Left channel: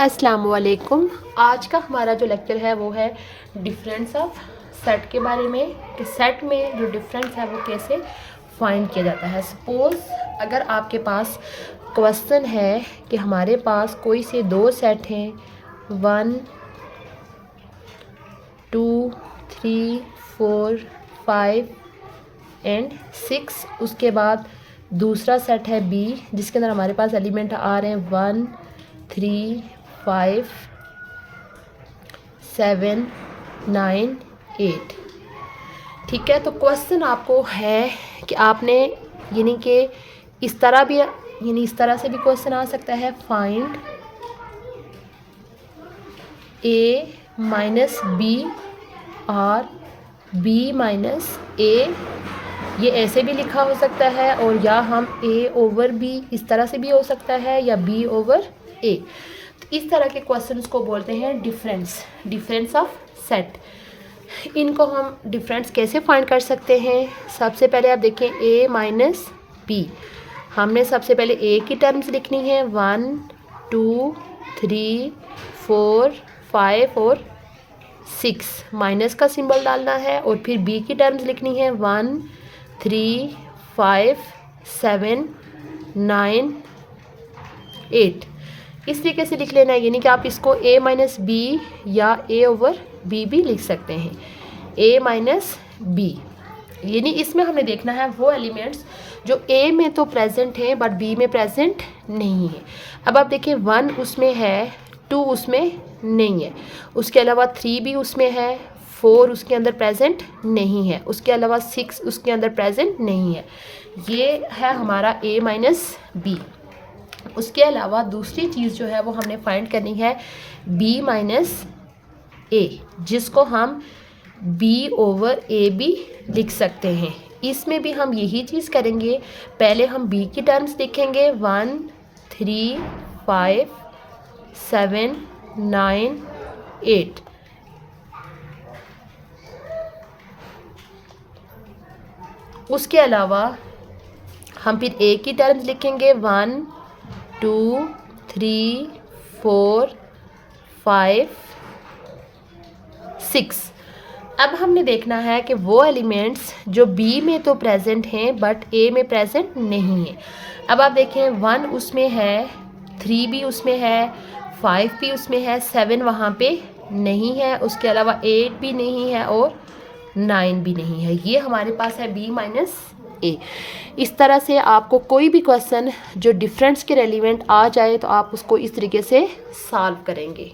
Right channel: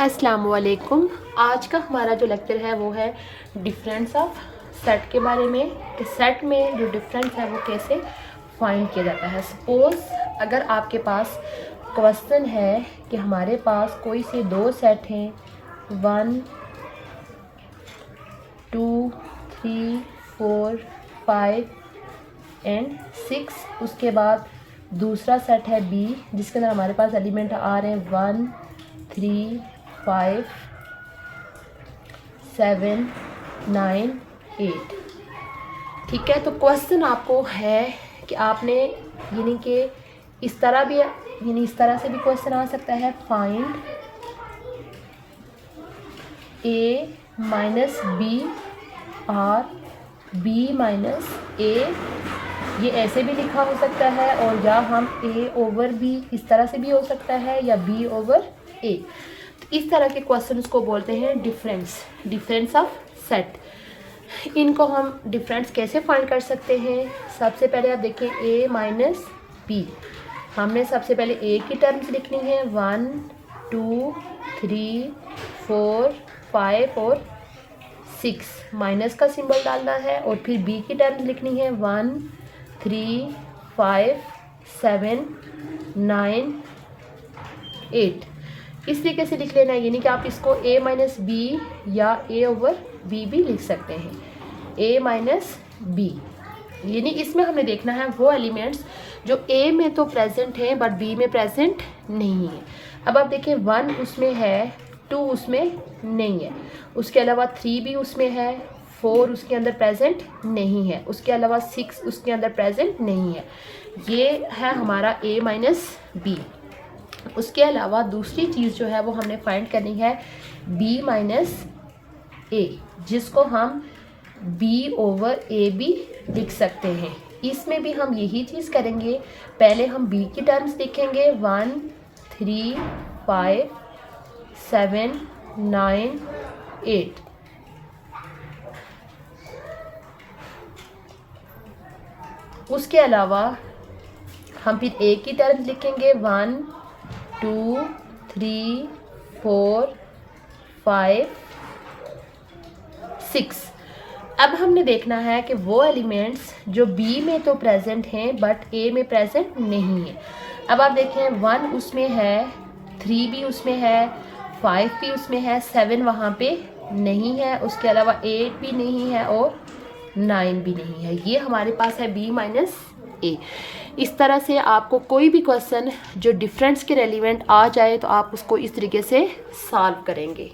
अस्सलामुअलैकुम। आज का हमारा जो लेक्चर है वो है डिफरेंस ऑफ सेट के बारे में, कि सेट में जो डिफरेंस है वो कैसे फाइंड किया जाता है। सपोज़ अगर आपके पास क्वेश्चन है कि हमारे पास कोई से दो सेट हैं 1 2 3 4 5 एंड 6, उसके बाद दूसरा सेट है बी जिसके अंदर हमारे पास एलिमेंट आ रहे हैं 1 3 5 7 9 8। ठीक है, तो क्वेश्चन आपको है कि आपने यानी कि इस तरह भी यानी इस तरह से भी क्वेश्चन आ सकता है, फाइंड ए माइनस बी और बी माइनस ए, ये ऐसे भी लिखा हो सकता है, और या हम ए ओवर बी इस तरह से भी हो सकता है, या बी ओवर ए। इस तरह के क्वेश्चंस को बोलते हैं डिफरेंस ऑफ सेट। इनको हम डिफरेंस कैसे फाइंड कर सकते हैं। सबसे पहले आप देखें ए माइनस बी, हमने सबसे पहले ए की टर्म्स लिखनी है 1 2 3 4 5 और 6, माइनस का सिंबल डालना है, और फिर बी की टर्म्स लिखनी है 1 3 5 7 9 8। इस तरीके से लिख लेना है, यानी कि आप इसको a माइनस बी या a ओवर बी भी लिख सकते हैं, a माइनस बी। यानी इसमें हमें देखना है वो एलिमेंट्स जो a में तो प्रेजेंट हैं बट b में प्रेजेंट नहीं है। अब आप देखिए 1 उसमें है, 2 उसमें नहीं है, उसके अलावा 3 भी उसमें है, 4 उसके अंदर प्रेजेंट नहीं है, उसके अलावा 6 उसके अंदर प्रेजेंट नहीं है। ये है हमारा a माइनस बी। उसके अलावा दूसरी चीज़ जो है वो हमने फाइंड करनी है b माइनस ए, जिसको हम b ओवर ए भी लिख सकते हैं। इसमें भी हम यही चीज़ करेंगे, पहले हम b की टर्म्स लिखेंगे 1 3 5 7 9 8। उसके अलावा हम फिर a की टर्म्स लिखेंगे 1 2 3 4 5 6। अब हमने देखना है कि वो एलिमेंट्स जो B में तो प्रेजेंट हैं बट A में प्रेजेंट नहीं है। अब आप देखें 1 उसमें है, 3 भी उसमें है, 5 भी उसमें है, 7 वहाँ पे नहीं है, उसके अलावा 8 भी नहीं है और 9 भी नहीं है। ये हमारे पास है B माइनस ए। इस तरह से आपको कोई भी क्वेश्चन जो डिफरेंस के रेलिवेंट आ जाए तो आप उसको इस तरीके से सॉल्व करेंगे।